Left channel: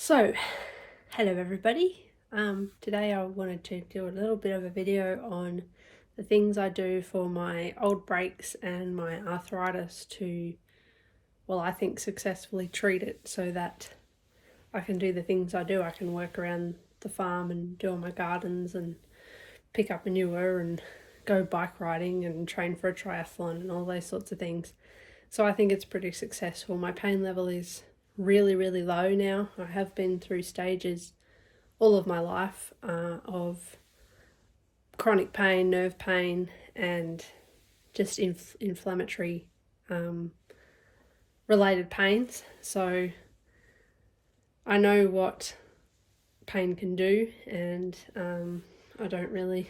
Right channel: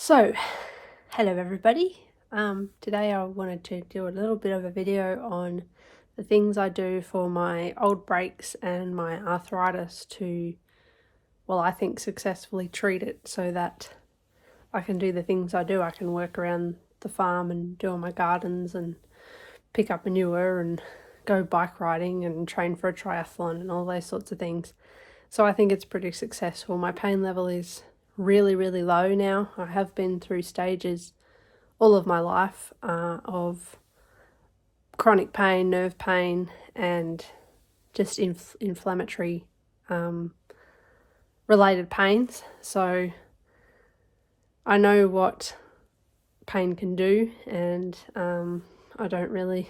So, hello everybody. Today I wanted to do a little bit of a video on the things I do for my old breaks and my arthritis to, well, I think successfully treat it so that I can do the things I do. I can work around the farm and do all my gardens and pick up manure and go bike riding and train for a triathlon and all those sorts of things. So I think it's pretty successful. My pain level is really low now. I have been through stages all of my life of chronic pain, nerve pain, and just inflammatory related pains. So I know what pain can do, and I don't really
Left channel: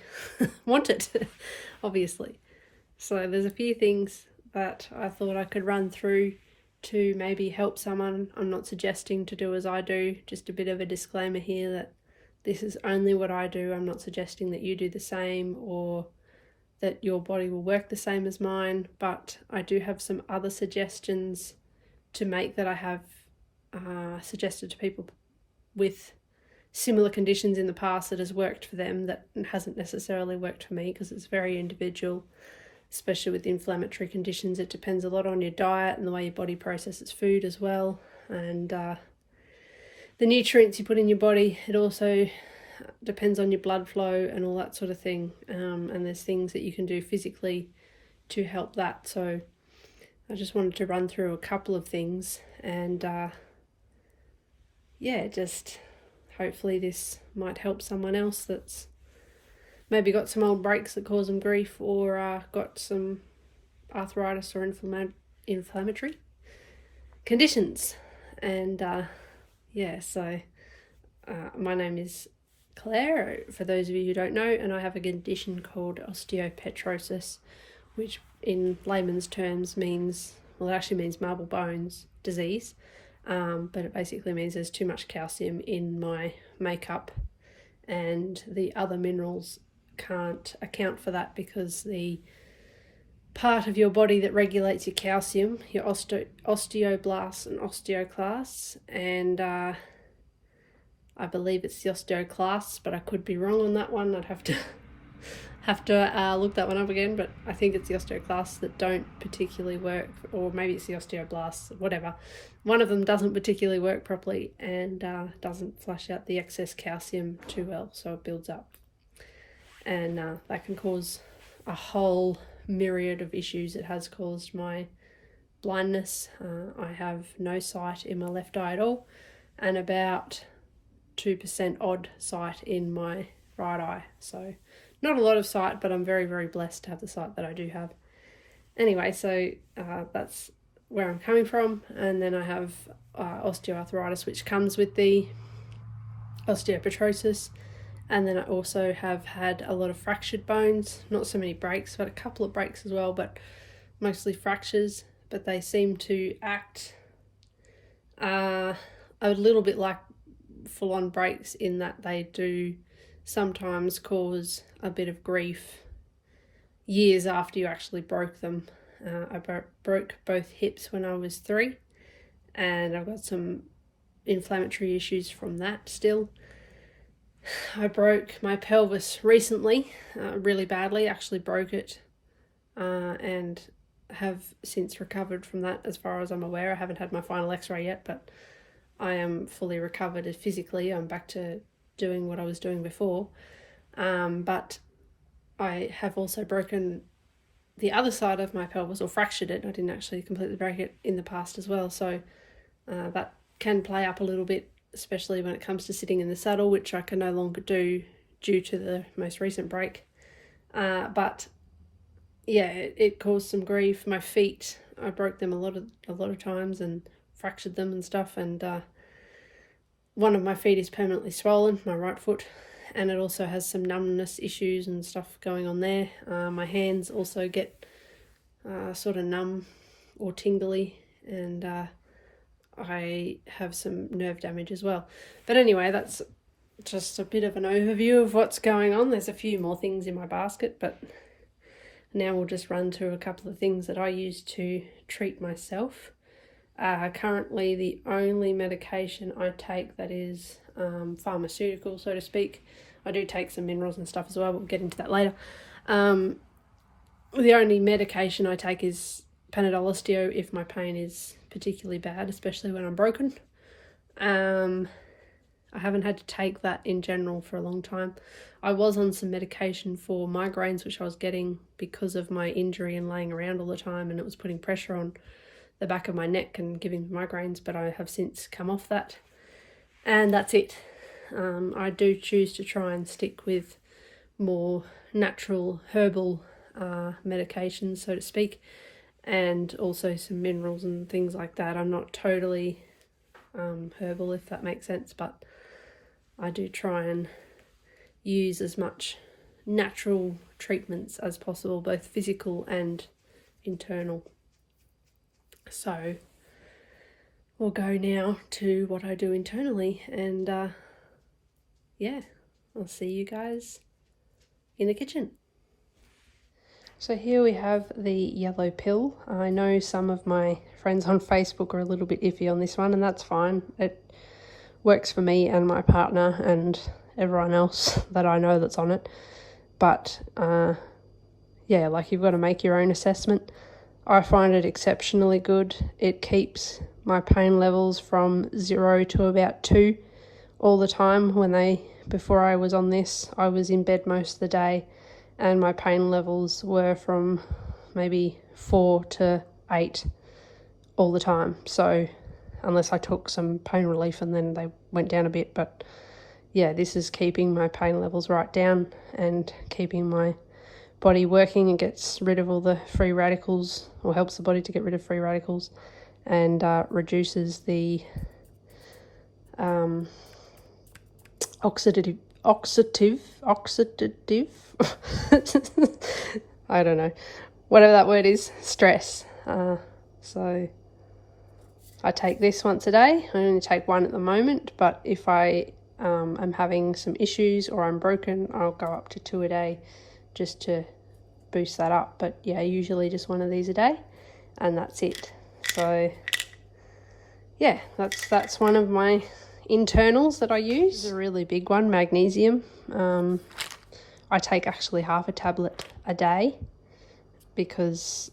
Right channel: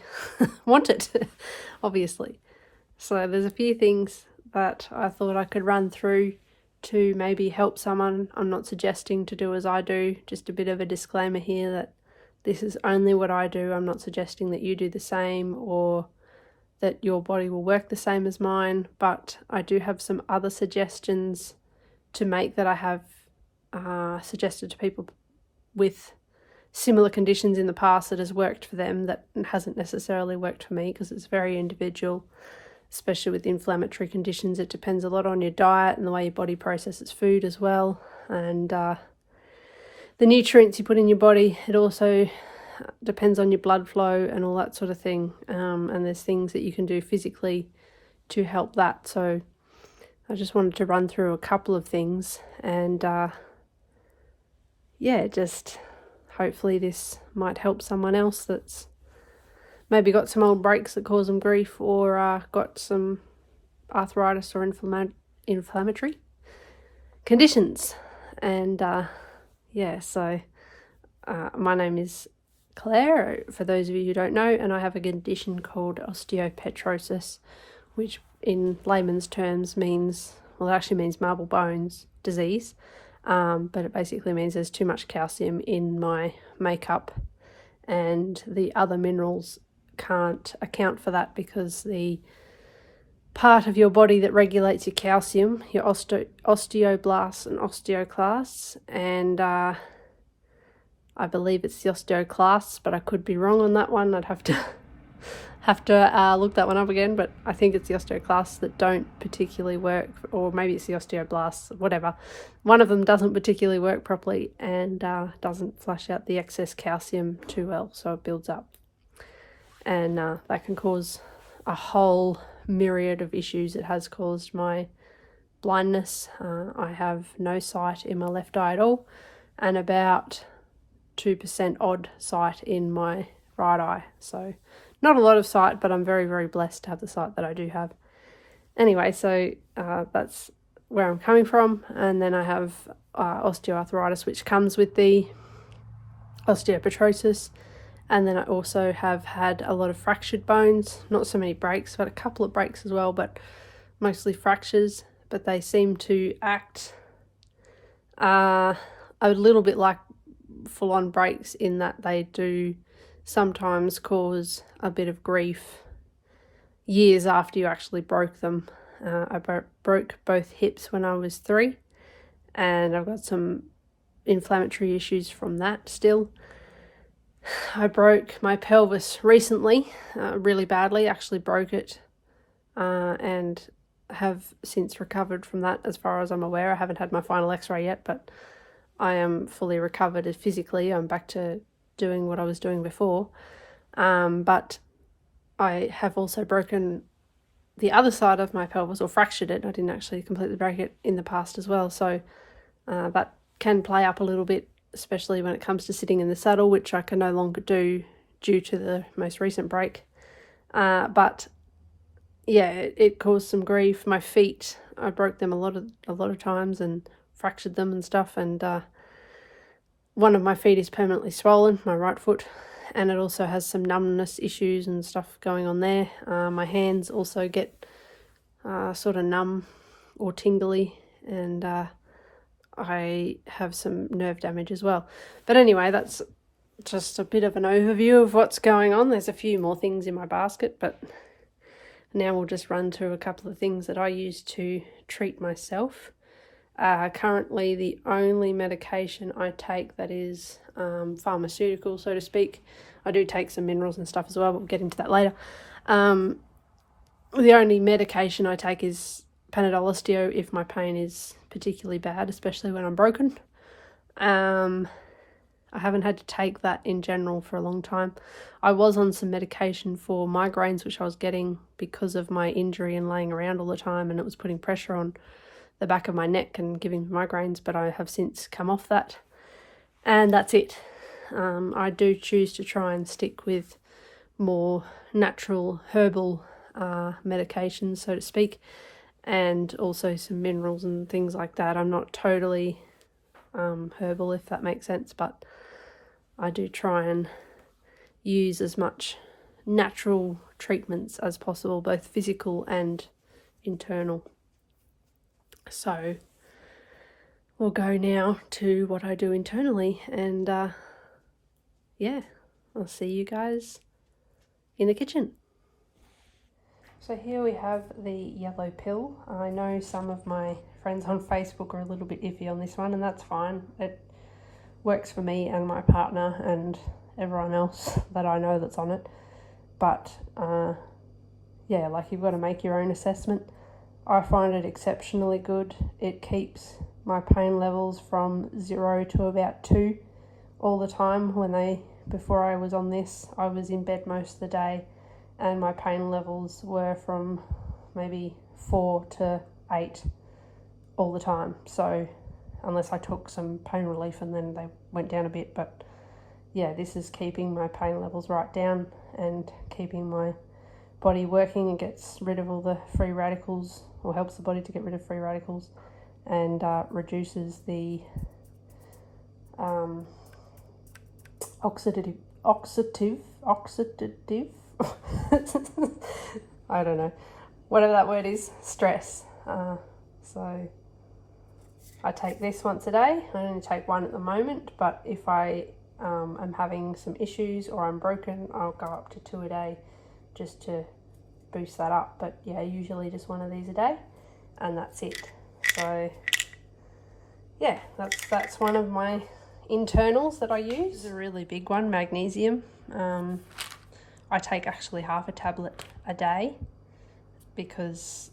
want it, obviously. So there's a few things that I thought I could run through to maybe help someone. I'm not suggesting to do as I do, just a bit of a disclaimer here that this is only what I do. I'm not suggesting that you do the same or that your body will work the same as mine, but I do have some other suggestions to make that I have suggested to people with similar conditions in the past that has worked for them that hasn't necessarily worked for me, because it's very individual. Especially with inflammatory conditions, it depends a lot on your diet and the way your body processes food as well, and the nutrients you put in your body. It also depends on your blood flow and all that sort of thing, and there's things that you can do physically to help that. So I just wanted to run through a couple of things, and just hopefully this might help someone else that's maybe got some old breaks that cause them grief, or got some arthritis or inflammatory conditions. And my name is Claire, for those of you who don't know, and I have a condition called osteopetrosis, which in layman's terms means, well, it actually means marble bones disease, but it basically means there's too much calcium in my makeup, and the other minerals can't account for that, because the part of your body that regulates your calcium, your osteoblasts and osteoclasts, and I believe it's the osteoclasts, but I could be wrong on that one. I'd have to look that one up again, but I think it's the osteoclasts that don't particularly work, or maybe it's the osteoblasts, whatever. One of them doesn't particularly work properly and doesn't flush out the excess calcium too well, so it builds up. And that can cause a whole myriad of issues. It has caused my blindness. I have no sight in my left eye at all, and about 2% odd sight in my right eye. So not a lot of sight, but I'm very blessed to have the sight that I do have. Anyway, so that's where I'm coming from. And then I have osteoarthritis, which comes with the osteopetrosis. And then I also have had a lot of fractured bones, not so many breaks, but a couple of breaks as well, but mostly fractures. But they seem to act a little bit like full-on breaks, in that they do sometimes cause a bit of grief years after you actually broke them. I broke both hips when I was 3, and I've got some inflammatory issues from that still. I broke my pelvis recently, really badly, actually broke it, and have since recovered from that as far as I'm aware. I haven't had my final x-ray yet, but I am fully recovered physically. I'm back to doing what I was doing before, but I have also broken the other side of my pelvis, or fractured it. I didn't actually completely break it in the past as well, so that can play up a little bit, especially when it comes to sitting in the saddle, which I can no longer do due to the most recent break. But yeah, it caused some grief. My feet, I broke them a lot of times and fractured them and stuff, and one of my feet is permanently swollen, my right foot, and it also has some numbness issues and stuff going on there. My hands also get sort of numb or tingly, and I have some nerve damage as well. But anyway, that's just a bit of an overview of what's going on. There's a few more things in my basket, but now we'll just run through a couple of things that I use to treat myself. Currently the only medication I take that is pharmaceutical, so to speak. I do take some minerals and stuff as well, but we'll get into that later. The only medication I take is Panadol Osteo if my pain is particularly bad, especially when I'm broken. I haven't had to take that in general for a long time. I was on some medication for migraines, which I was getting because of my injury and laying around all the time, and it was putting pressure on the back of my neck and giving migraines, but I have since come off that, and that's it. I do choose to try and stick with more natural herbal medications, so to speak, and also some minerals and things like that. I'm not totally herbal, if that makes sense, but I do try and use as much natural treatments as possible, both physical and internal. So we'll go now to what I do internally, and yeah, I'll see you guys in the kitchen. So here we have the yellow pill. I know some of my friends on Facebook are a little bit iffy on this one, and that's fine. It works for me and my partner and everyone else that I know that's on it. But yeah, like, you've got to make your own assessment. I find it exceptionally good. It keeps my pain levels from 0 to about 2 all the time. Before I was on this, I was in bed most of the day, and my pain levels were from maybe 4 to 8 all the time. So unless I took some pain relief and then they went down a bit, but yeah, this is keeping my pain levels right down and keeping my body working. It gets rid of all the free radicals, or helps the body to get rid of free radicals, and reduces the oxidative I don't know, whatever that word is, stress. So I take this once a day. I only take one at the moment, but if I am having some issues or I'm broken, I'll go up to 2 a day just to boost that up. But yeah, usually just one of these a day, and that's it. So yeah, that's one of my internals that I use. A really big one, magnesium. I take actually half a tablet a day because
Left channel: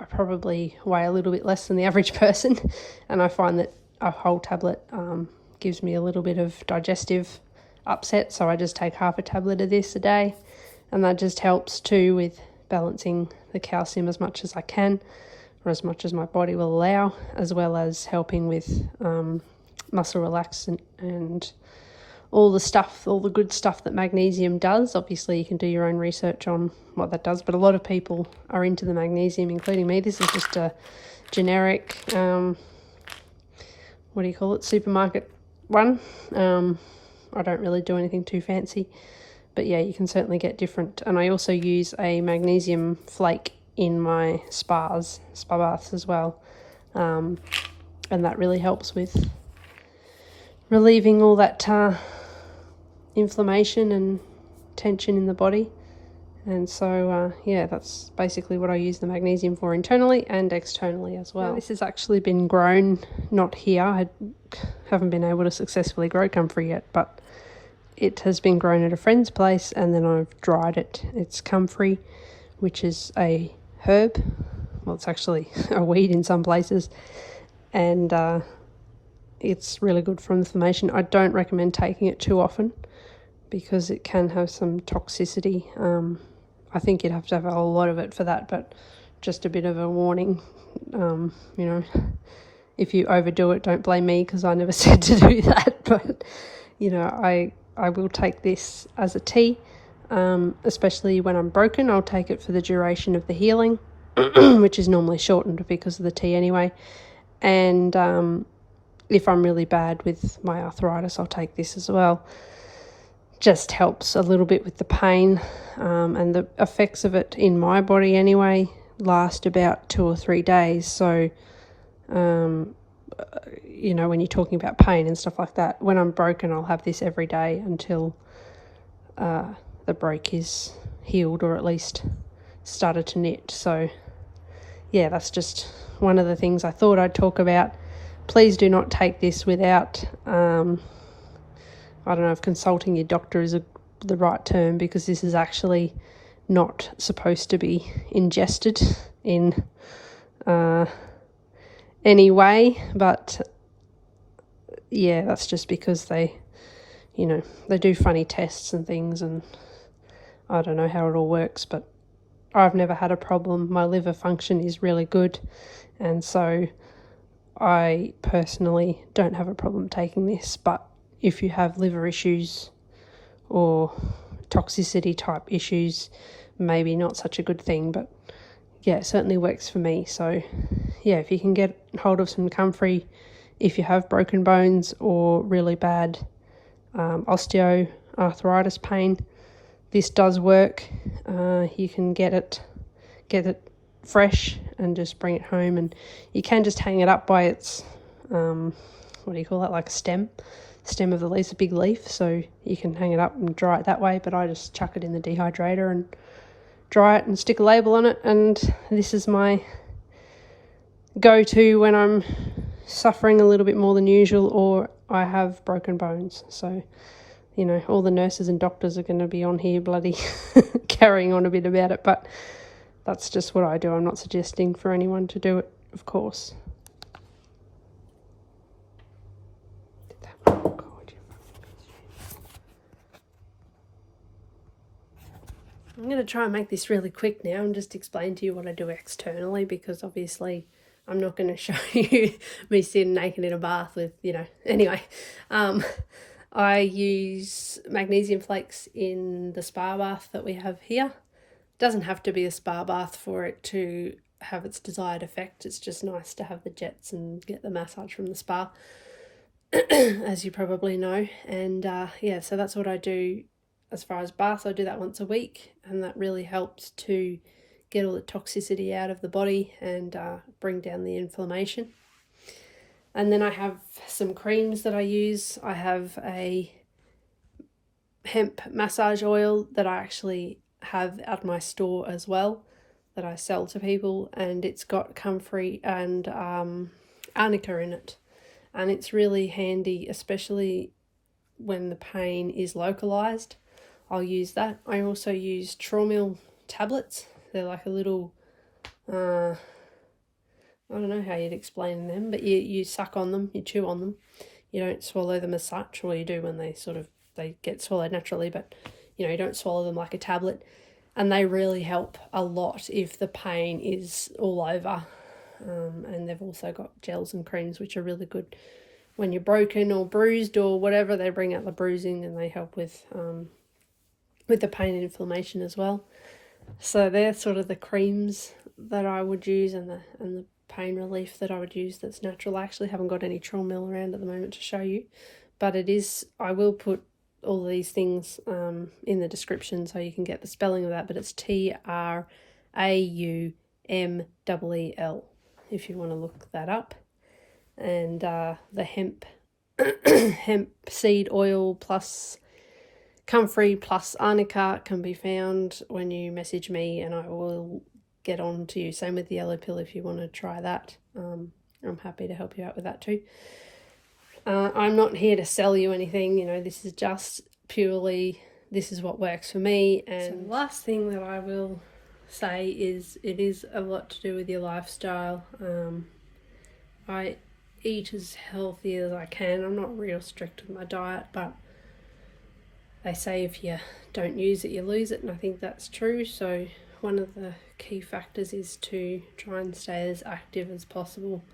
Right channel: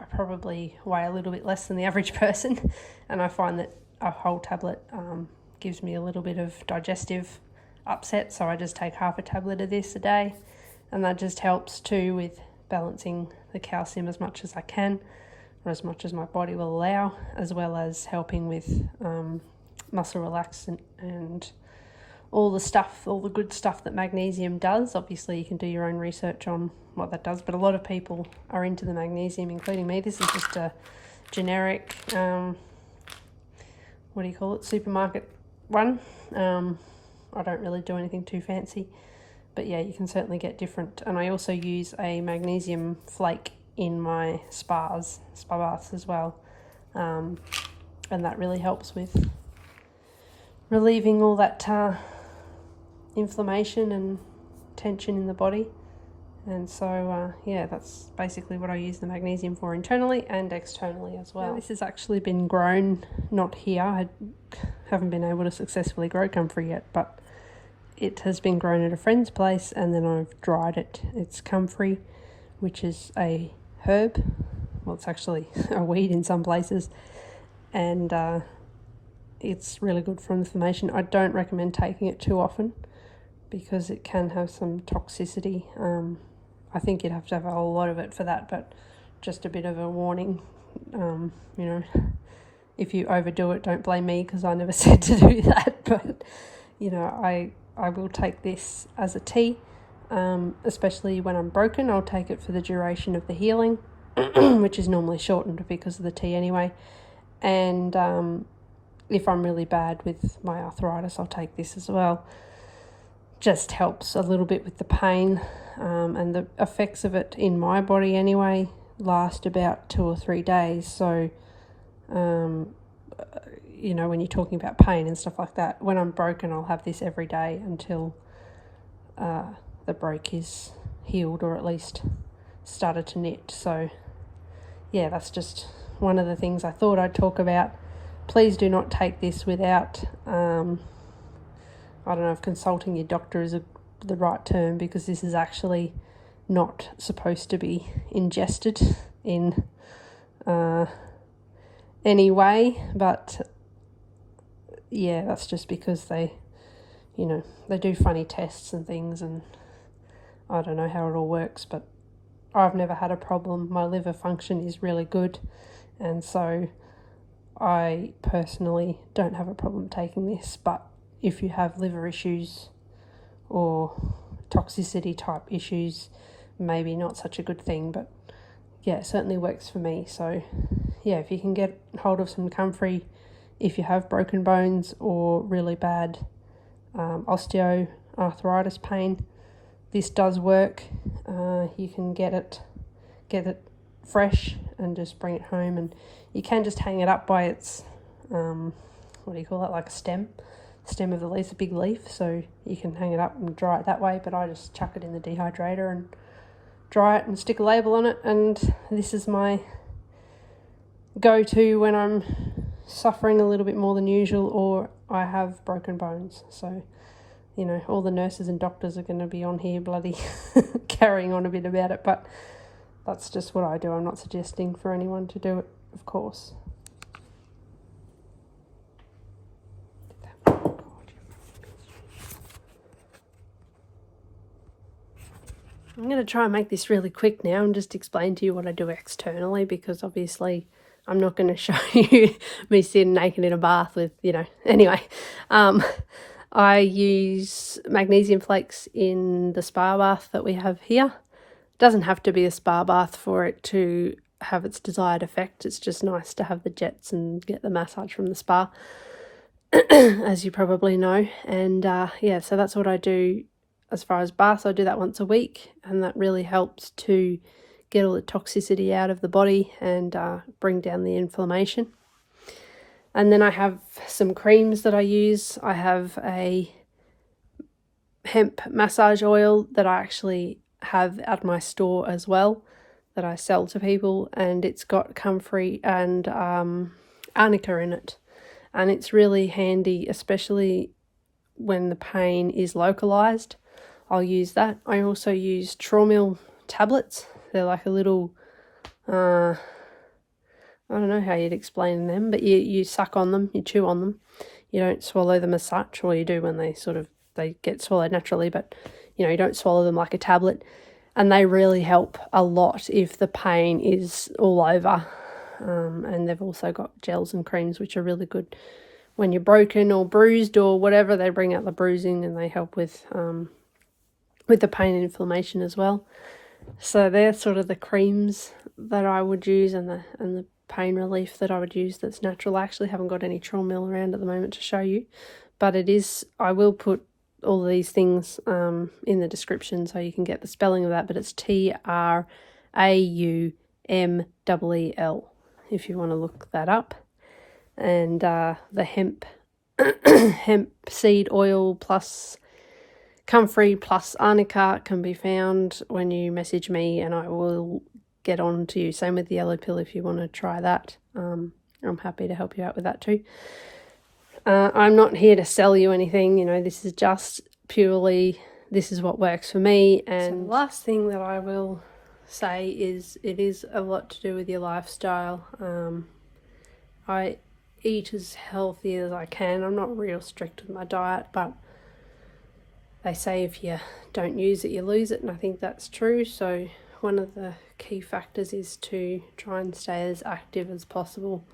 I probably weigh a little bit less than the average person, and I find that a whole tablet gives me a little bit of digestive upset, so I just take half a tablet of this a day, and that just helps too with balancing the calcium as much as I can, or as much as my body will allow, as well as helping with muscle relaxant and all the good stuff that magnesium does. Obviously you can do your own research on what that does, but a lot of people are into the magnesium, including me. This is just a generic supermarket one. I don't really do anything too fancy, but yeah, you can certainly get different. And I also use a magnesium flake in my spa baths as well, and that really helps with relieving all that inflammation and tension in the body. And so yeah, that's basically what I use the magnesium for internally and externally as well. This has actually been grown, not here. I haven't been able to successfully grow comfrey yet, but it has been grown at a friend's place, and then I've dried it. It's comfrey, which is a herb. Well, it's actually a weed in some places, and it's really good for inflammation. I don't recommend taking it too often because it can have some toxicity. I think you'd have to have a whole lot of it for that, but just a bit of a warning. You know, if you overdo it, don't blame me because I never said to do that. But, you know, I will take this as a tea, especially when I'm broken. I'll take it for the duration of the healing, which is normally shortened because of the tea anyway. And if I'm really bad with my arthritis, I'll take this as well. Just helps a little bit with the pain, and the effects of it in my body anyway last about 2 or 3 days. So you know, when you're talking about pain and stuff like that, when I'm broken, I'll have this every day until the break is healed, or at least started to knit. So yeah, that's just one of the things I thought I'd talk about. Please do not take this without, I don't know if consulting your doctor is the right term, because this is actually not supposed to be ingested in any way. But yeah, that's just because they do funny tests and things, and I don't know how it all works, but I've never had a problem. My liver function is really good, and so I personally don't have a problem taking this. But if you have liver issues or toxicity type issues, maybe not such a good thing, but yeah, it certainly works for me. So yeah, if you can get hold of some comfrey, if you have broken bones or really bad osteoarthritis pain, this does work. You can get it fresh and just bring it home, and you can just hang it up by its what do you call that, like a stem of the leaf, a big leaf, so you can hang it up and dry it that way. But I just chuck it in the dehydrator and dry it and stick a label on it, and this is my go-to when I'm suffering a little bit more than usual or I have broken bones. So all the nurses and doctors are going to be on here bloody carrying on a bit about it, but that's just what I do. I'm not suggesting for anyone to do it, of course. I'm going to try and make this really quick now and just explain to you what I do externally, because obviously I'm not going to show you me sitting naked in a bath with, anyway. I use magnesium flakes in the spa bath that we have here. It doesn't have to be a spa bath for it to have its desired effect. It's just nice to have the jets and get the massage from the spa, as you probably know. And yeah, so that's what I do as far as baths. I do that once a week, and that really helps to get all the toxicity out of the body and bring down the inflammation. And then I have some creams that I use. I have a hemp massage oil that I actually have at my store as well, that I sell to people, and it's got comfrey and arnica in it. And it's really handy, especially when the pain is localized. I'll use that. I also use Traumeel tablets. They're like a little, I don't know how you'd explain them, but you suck on them, you chew on them. You don't swallow them as such, or you do when they get swallowed naturally, but you don't swallow them like a tablet. And they really help a lot if the pain is all over. And they've also got gels and creams which are really good when you're broken or bruised or whatever. They bring out the bruising and they help with the pain and inflammation as well. So they're sort of the creams that I would use, and the pain relief that I would use that's natural. I actually haven't got any Traumeel around at the moment to show you, but I will put all of these things in the description so you can get the spelling of that, but it's Traumeel if you want to look that up. And the hemp seed oil plus comfrey plus arnica can be found when you message me, and I will get on to you. Same with the yellow pill if you want to try that. I'm happy to help you out with that too. I'm not here to sell you anything, this is just purely, this is what works for me. And so the last thing that I will say is it is a lot to do with your lifestyle. I eat as healthy as I can. I'm not real strict with my diet, but they say if you don't use it, you lose it, and I think that's true. So one of the key factors is to try and stay as active as possible,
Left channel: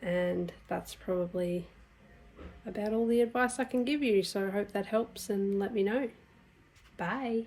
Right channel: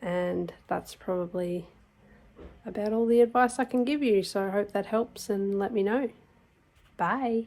and that's probably about all the advice I can give you. So I hope that helps, and let me know. Bye.